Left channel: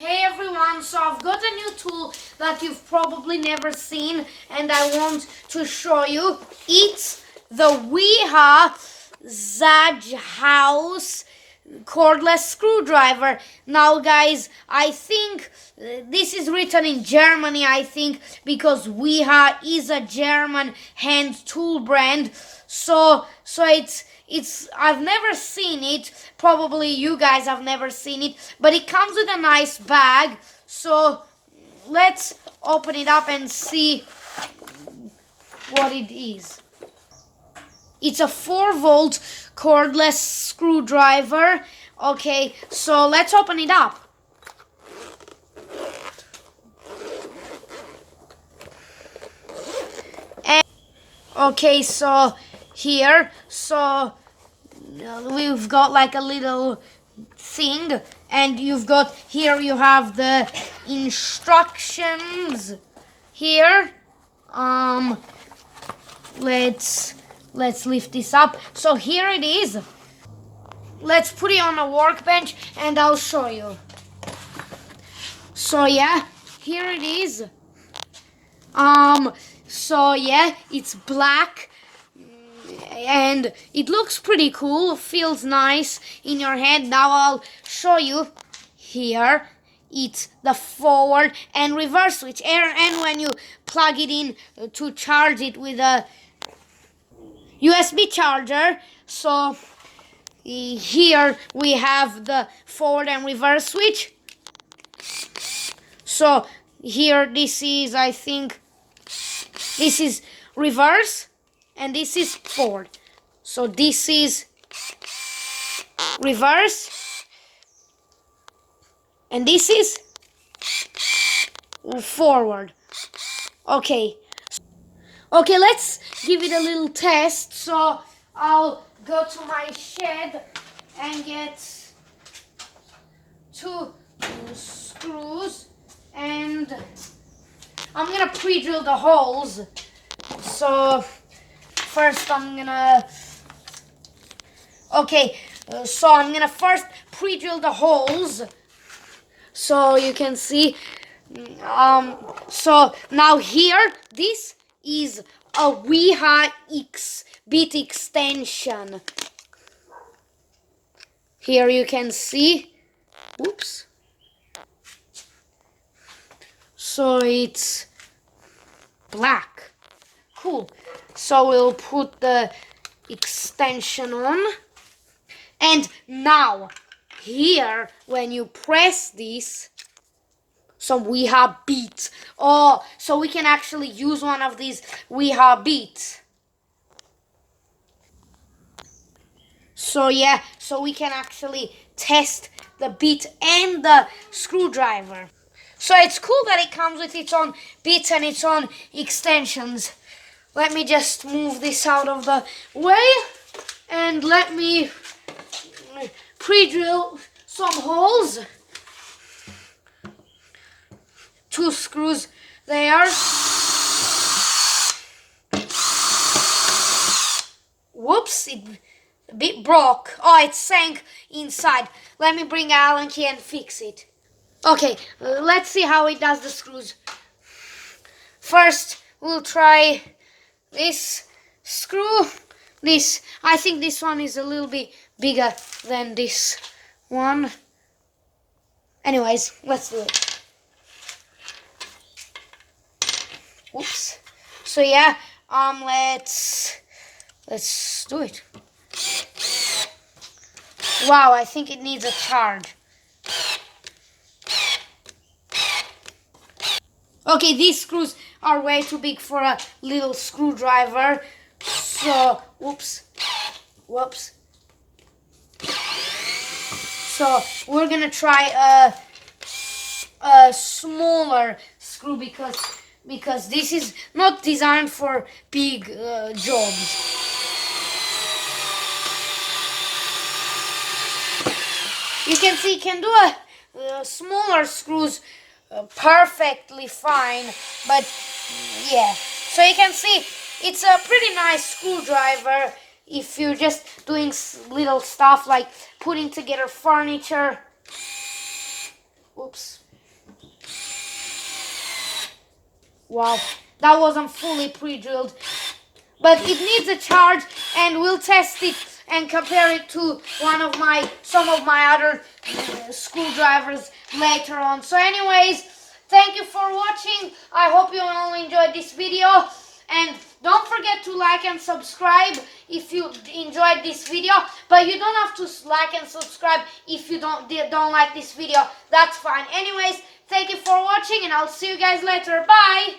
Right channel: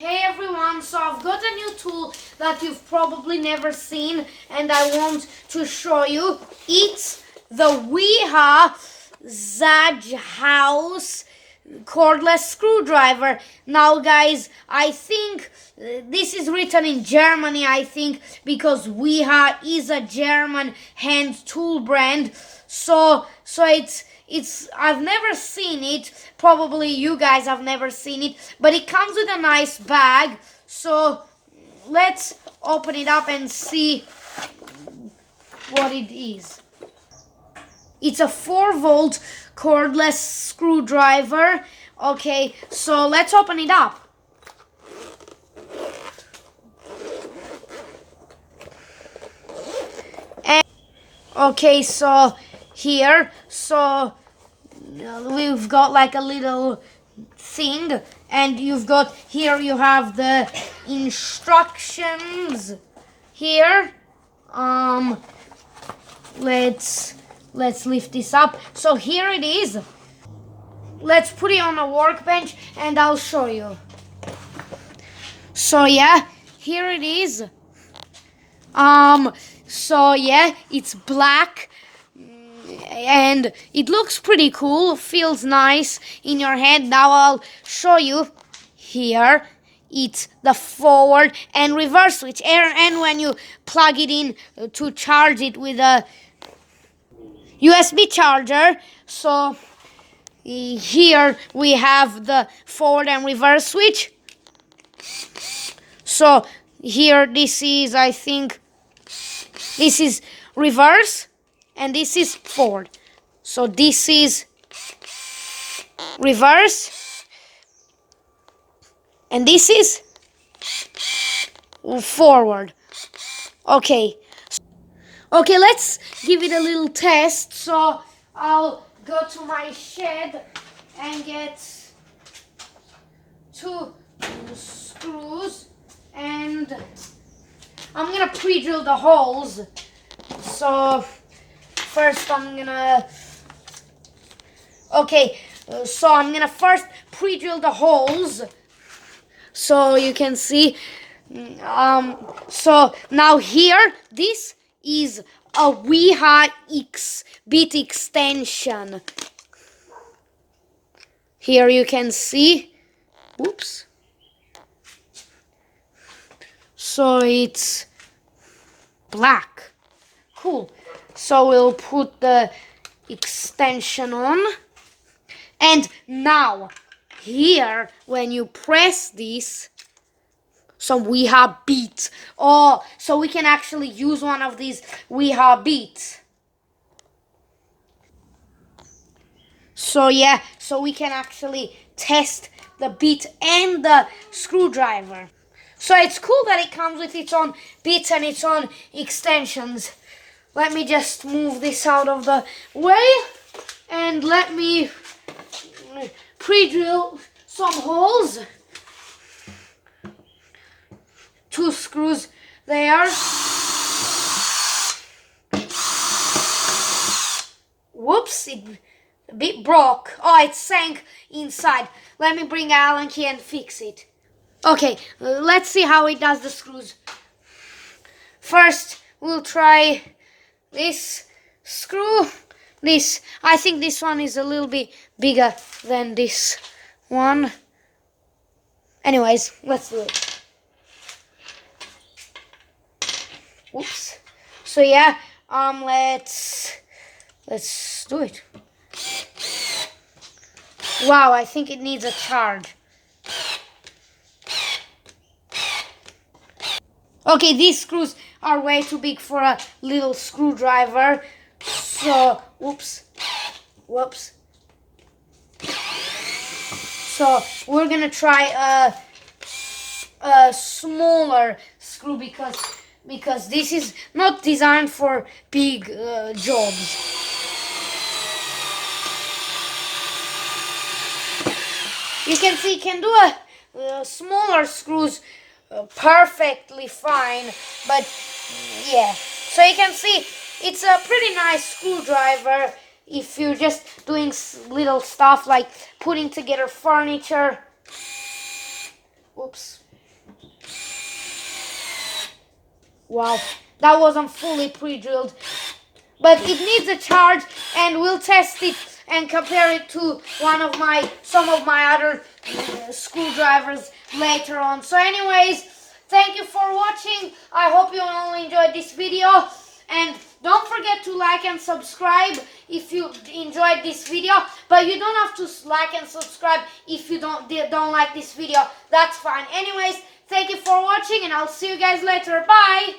Hey everyone, so I've got a new tool that you've probably never seen and I want to show you. It's the wiha Zaj House cordless screwdriver. Now guys, I think this is written in Germany, I think, because wiha is a German hand tool brand. So it's I've never seen it. Probably you guys have never seen it, but it comes with a nice bag. So let's open it up and see what it is. It's a 4-volt cordless screwdriver. Okay, so let's open it up. And okay, so here, we've got like a little thing, and you have the instructions here. Let's lift this up. So here it is. Let's put it on a workbench and I'll show you. So yeah, here it is. So yeah, it's black and it looks pretty cool, feels nice in your hand. Now I'll show you. Here it's the forward and reverse switch, and when you plug it in to charge it with a USB charger. So here we have the forward and reverse switch. So here this is, I think, this is reverse and this is forward. So this is reverse and this is forward. Okay, let's give it a little test. So I'll go to my shed and get 2 screws, and I'm gonna pre-drill the holes. So first I'm gonna first pre-drill the holes so you can see. So now here, this is a wiha X bit extension. Here you can see. Oops. So it's black. Cool. So we'll put the extension on. And now, here, when you press this, some wiha beats. Oh, so we can actually use one of these wiha beats. So yeah, so we can actually test the bit and the screwdriver. So it's cool that it comes with its own bits and its own extensions. Let me just move this out of the way and let me pre-drill some holes. 2 screws there. Whoops, it a bit broke. Oh, it sank inside. Let me bring Allen key and fix it. Okay, let's see how it does the screws. First, we'll try this screw. I think this one is a little bit bigger than this one. Anyways, let's do it. Oops. So yeah, let's do it. Wow, I think it needs a charge. Okay, these screws are way too big for a little screwdriver. So, whoops. So, we're gonna try a smaller screw because this is not designed for big jobs. You can see you can do smaller screws perfectly fine, but yeah. So you can see it's a pretty nice screwdriver if you're just doing little stuff like putting together furniture. Oops. Wow, that wasn't fully pre-drilled. But it needs a charge, and we'll test it and compare it to some of my other screwdrivers later on. So anyways, thank you for watching. I hope you all enjoyed this video, and don't forget to like and subscribe if you enjoyed this video. But you don't have to like and subscribe if you don't like this video. That's fine. Anyways, thank you for watching, and I'll see you guys later. Bye.